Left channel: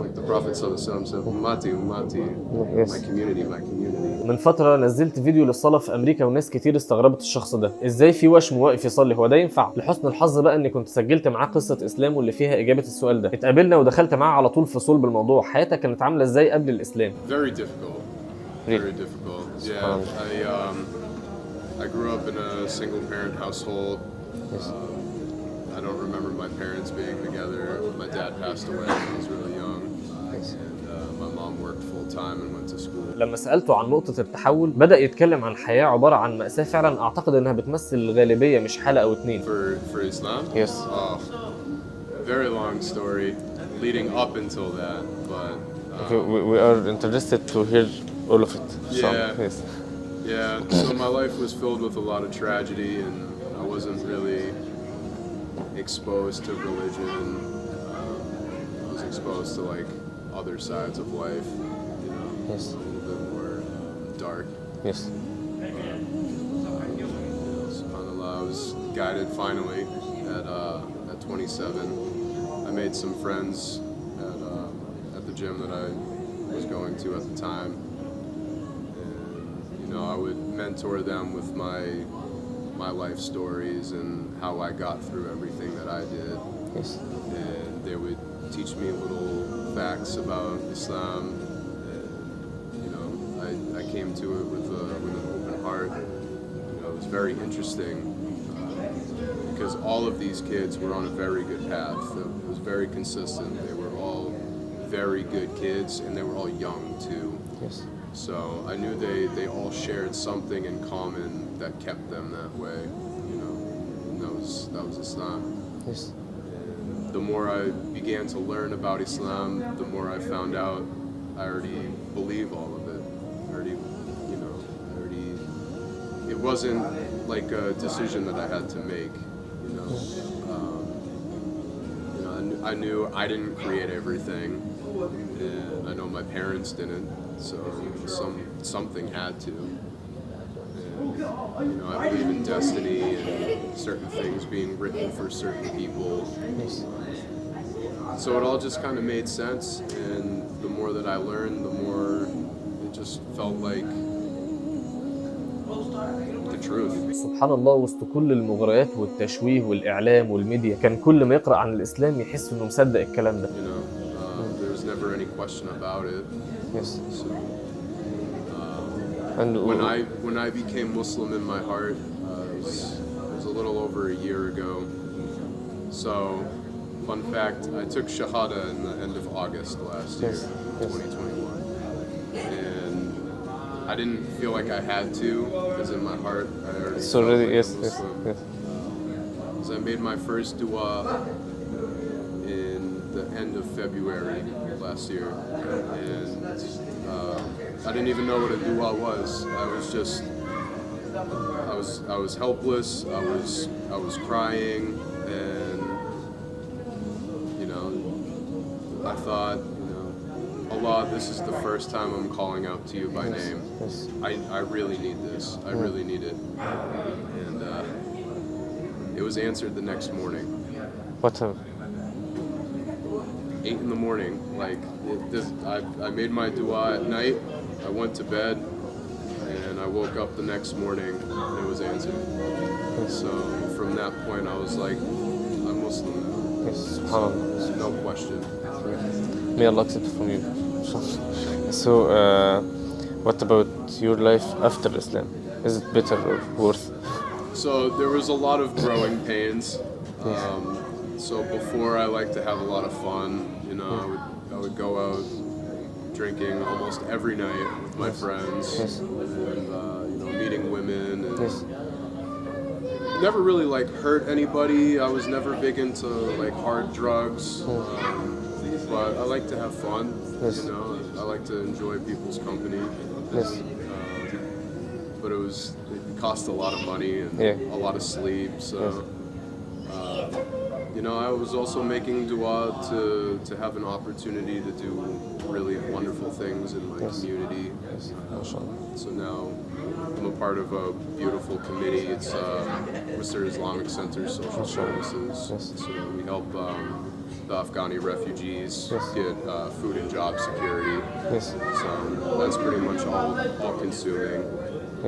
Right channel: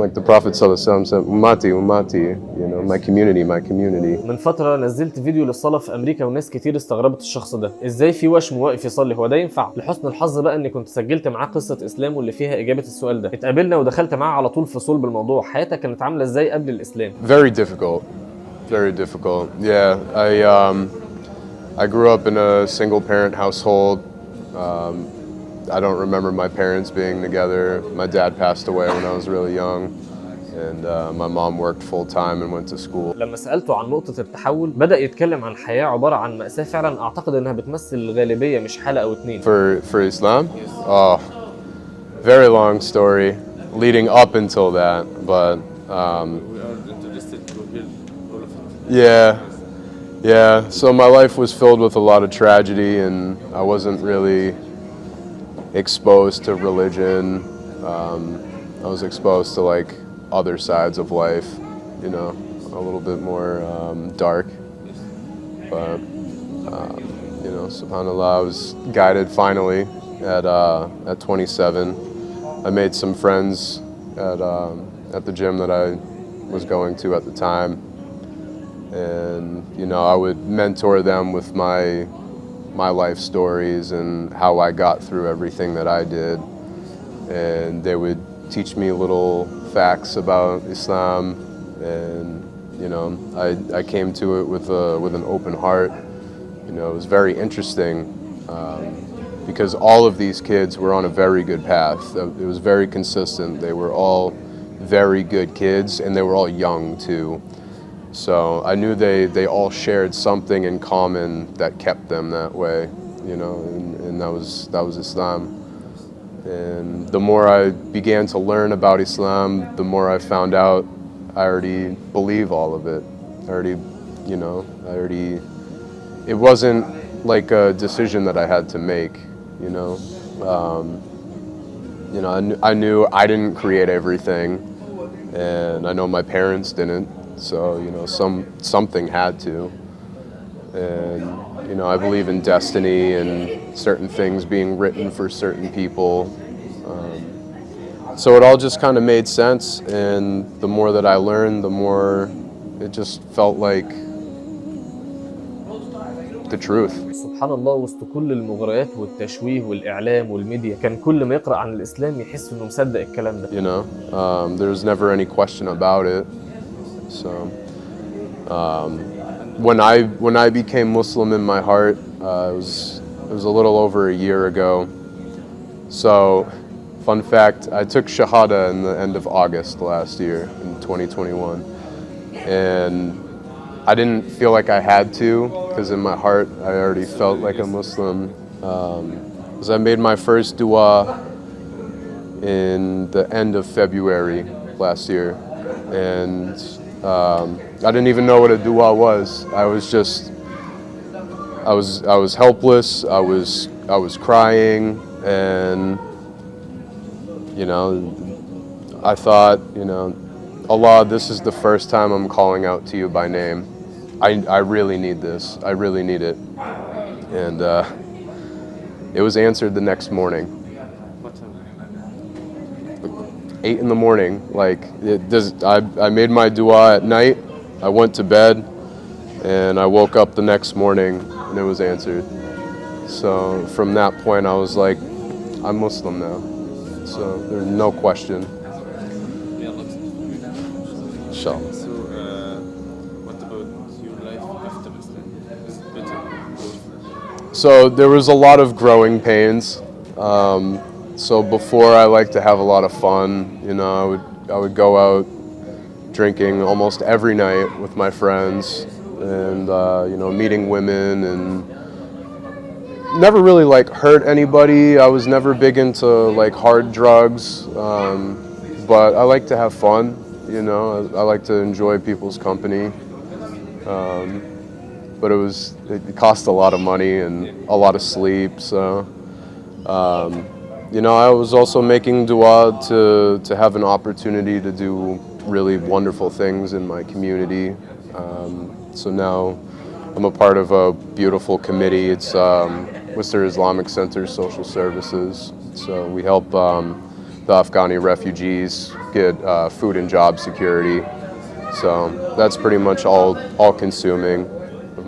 like the Prophet ﷺ said, ummati, ummati, you know, my community, my community. من فترة نزلت فيديو للصلاة في أمريكا وناس كتير استغربت الشخص ده، إزاي في وشم واقف يصلي؟ هو ده ينفع؟ لحسن الحظ بقى إني كنت سجلت معاه قصة إسلامه اللي فيها إجابة السؤال ده، اتقابلنا ودخلت معاه على طول في صلب الموضوع، حياتك كانت عاملة إزاي قبل الإسلام؟ Very difficult, very difficult. Yeah, I grew up in a single-parent household. I don't remember my parents being together. My dad passed away when I was really young, and my mom worked full-time and went to school. لما سألته عن نقطة التحول بدأ يتكلم عن حياة عبارة عن مأساة فعلا أعتقد إنها بتمثل الغالبية مش حالة أو اتنين. For Islam? Yes. Oh, very long story leading up until that, but we are interested to hear all of it. Yeah. Yes. Yeah, so my life was filled with a lot of tragedy, and I wasn't really exposed to religion. I was exposed to like other sides of life, you know, a little bit more dark. Yes. But you know, subhanallah, I was guided finally at 27. I made some friends at the gym that I was going to at the time. And you know, I would mentor them with my life stories and how I got through everything that I did. Yes. And they would teach me little facts about Islam, and you know, I came to it with an open heart. You know, it was very interesting because all of these kids were on a very good path. It was very consistent. They were all very good kids, and they were all young too. So I knew they all shared something in common that kept them that way, you know, and that was Islam. And the more I began to learn about Islam, the more I found out I already believe all of it. It wasn't like a decision that I had to make, you know. I knew I didn't create everything, and I know my parents didn't. So, you know, something had to. And, you know, I believe in destiny and certain things being written for certain people. So it all just kind of made sense. And the more that I learned, the more it just felt like the truth. سبحان الله، وسط كل المغريات والتشويه والإعلام والميديا كان كل ما يقرأ عن الإسلام يحس إنه مصدق الكلام ده. You know, there's never any question about it. So when I became Muslim in my heart, it was a little over a year ago. So, fun fact, I took Shahada in the end of August last year, in 2021. And I didn't feel like I had to, because in my heart I already felt like a Muslim. Because I made my first dua in the end of February last year. And I didn't even know what a dua was. I was helpless. I was crying, and you know, I thought, you know, Allah, this is the first time I'm calling out to you by name. I really need this. I really need it. And it was answered the next morning. What time? 8 in the morning. Like I made my dua at night. I went to bed, and I woke up the next morning, and it was answered. So from that point, I was like, I'm Muslim now. So there's no question. May Allah accept from you. Inshallah. So, what about your life after Islam? Is it better or worse? So there was a lot of growing pains. So before, I liked to have a lot of fun. You know, I would go out drinking almost every night with my friends, and you know, meeting women, and never really like hurt anybody. I was never big into like hard drugs, but I like to have fun. You know, I like to enjoy people's company. But it cost a lot of money and a lot of sleep. So, you know, I was also making dua to have an opportunity to do really wonderful things in my community. So now I'm a part of a beautiful committee. It's Worcester Islamic Center Social Services. So we help the Afghani refugees, get food and job security. So that's pretty much all consuming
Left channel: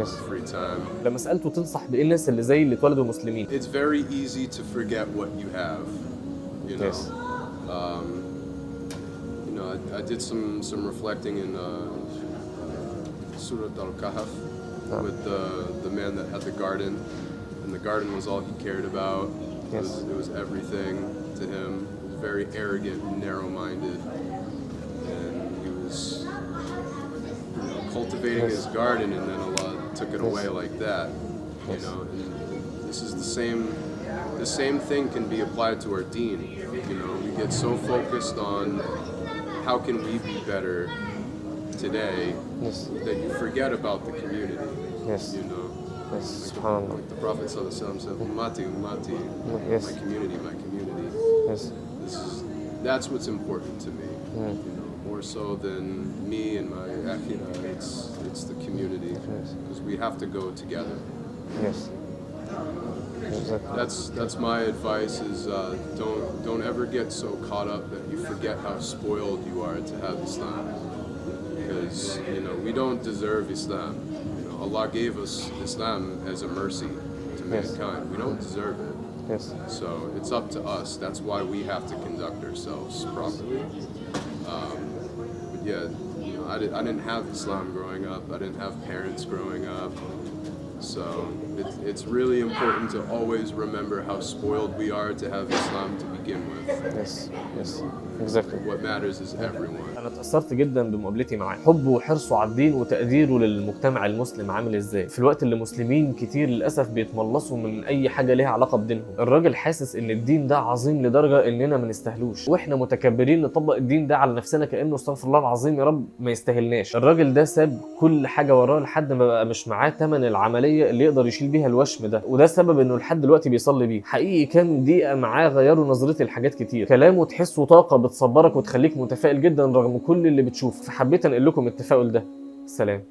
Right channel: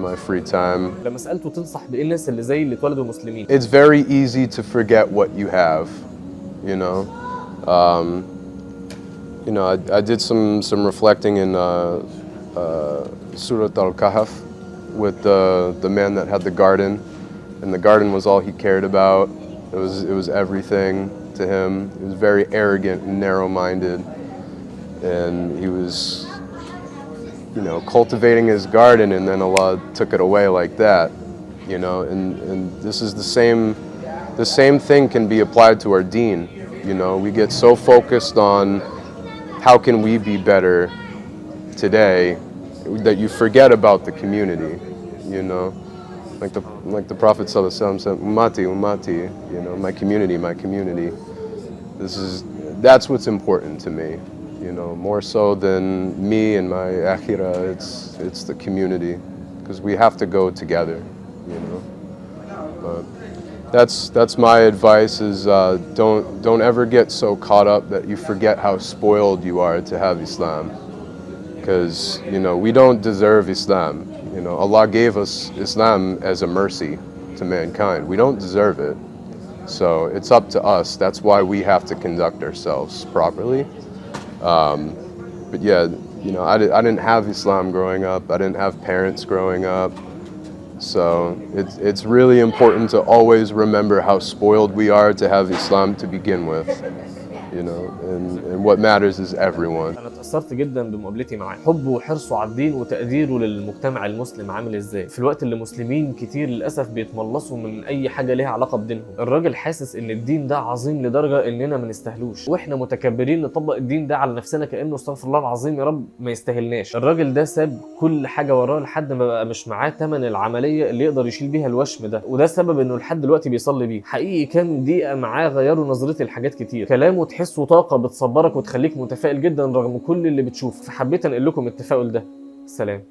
my free time. لما سالته تنصح بايه الناس اللي زي اللي اتولدوا مسلمين؟ It's very easy to forget what you have, you know. You know, I did some reflecting in Surah Al-Kahf with the man that had the garden, and the garden was all he cared about. It was everything to him. He was very arrogant and narrow-minded, and he was, you know, cultivating his garden, and then Allah took it away like that, you know. And this is the same thing can be applied to our deen. You know, we get so focused on how can we be better today that you forget about the community. You know, like the Prophet ﷺ said, "Ummati, ummati," you know, my community, my community. That's what's important to me. You know, more so than me and my akhirah. It's the community, because we have to go together. You know. That's my advice: is don't ever get so caught up that you forget how spoiled you are to have Islam, because you know we don't deserve Islam. You know, Allah gave us Islam as a mercy to mankind. We don't deserve it. So it's up to us. That's why we have to conduct ourselves properly. But yeah, you know, I didn't have Islam growing up. I didn't have parents growing up. So it's really important to always remember how spoiled we are to have Islam to begin with. You know, and what matters is everyone. انا اتاثرت جدا بمقابلتي معاه، حبه وحرصه على الدين وتقديره للمجتمع المسلم عامل ازاي، في الوقت اللي مسلمين كتير للاسف بيتملصوا من اي حاجه ليها علاقه بدينهم. الراجل حاسس ان الدين ده عظيم لدرجه اننا ما نستاهلوش، واحنا متكبرين نطبق الدين ده على نفسنا كانه استغفر الله العظيم يا رب ما يستاهلناش. الراجل ده ساب كل حاجه وراه لحد ما بقى مش معاه ثمن العمليه اللي يقدر يشيل بيها الوشم ده، وده السبب انه لحد دلوقتي بيصلي بيه. حقيقي كام دقيقه معاه غيروا نظرتي لحاجات كتير. كلامه تحسه طاقه بتصبرك وتخليك متفائل جدا رغم كل اللي بتشوفه، فحبيت انقل لكم التفاؤل ده. سلام.